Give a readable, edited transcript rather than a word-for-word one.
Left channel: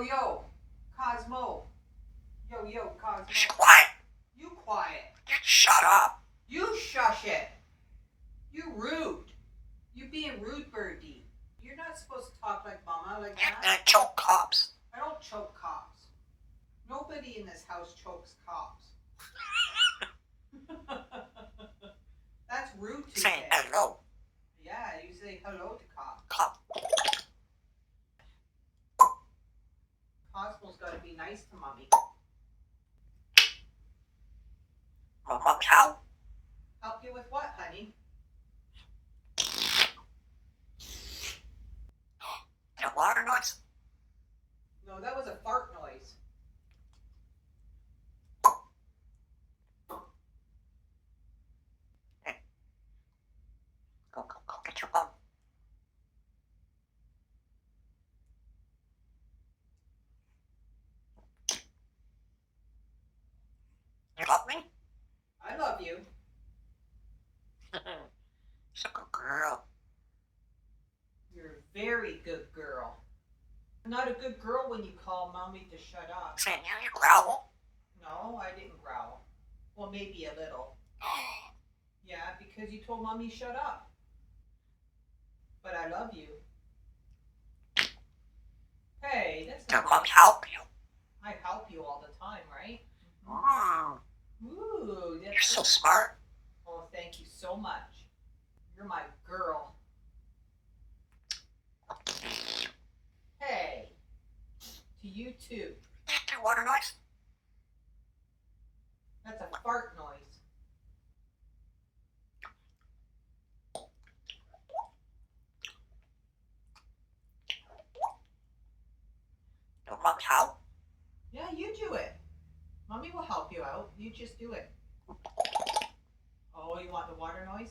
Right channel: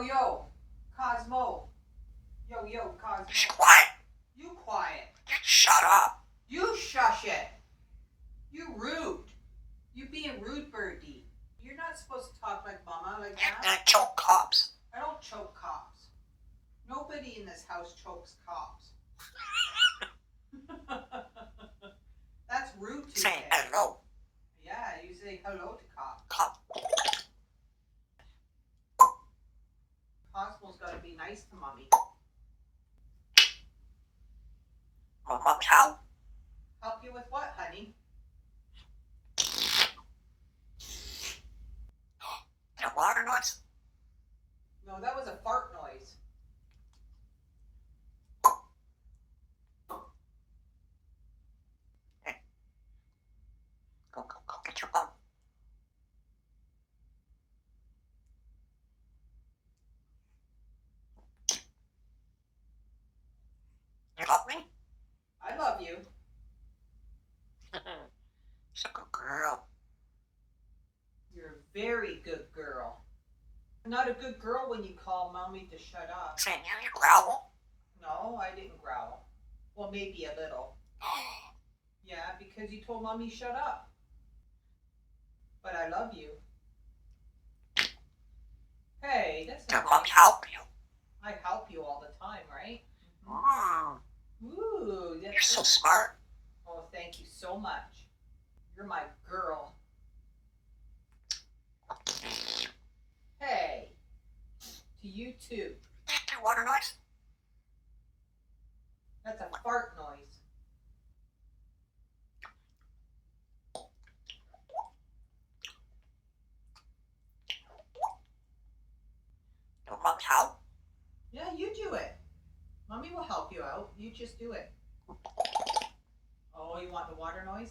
Yo, Cosmo. Yo, Cosmo. Quiet. You quiet. Shut up. You shush it. You rude. You being rude, birdie. You're not supposed to talk like mama like that. I choke cops. I don't choke cops. Nobody in this house chokes cops. That's rude to Say say. hello. Yeah, you say hello to cops. Cop. Cosmo's got to be nice to mommy. Mama cow. Help you with what, honey? The water noise. No, that was a fart noise. Go get your bum. You love me? I love you. She's a good girl. You're a very good girl. I'm not a good girl when you call mommy to shut up. Say you growl. No, I didn't growl. Well, maybe a little. Yeah, because you told mommy shut up. But I love you. Hey, that's Your not mom nice. help you. I help you all the time, right? Mm, Ooh, you're that's so good. smart. Oh, thank you so much. You're my girl. Hey, to you too. The water noise. That's a fart noise. Your mom help. Yeah, you do it. Mommy will help you out. You just do it. Oh, you want the water noise?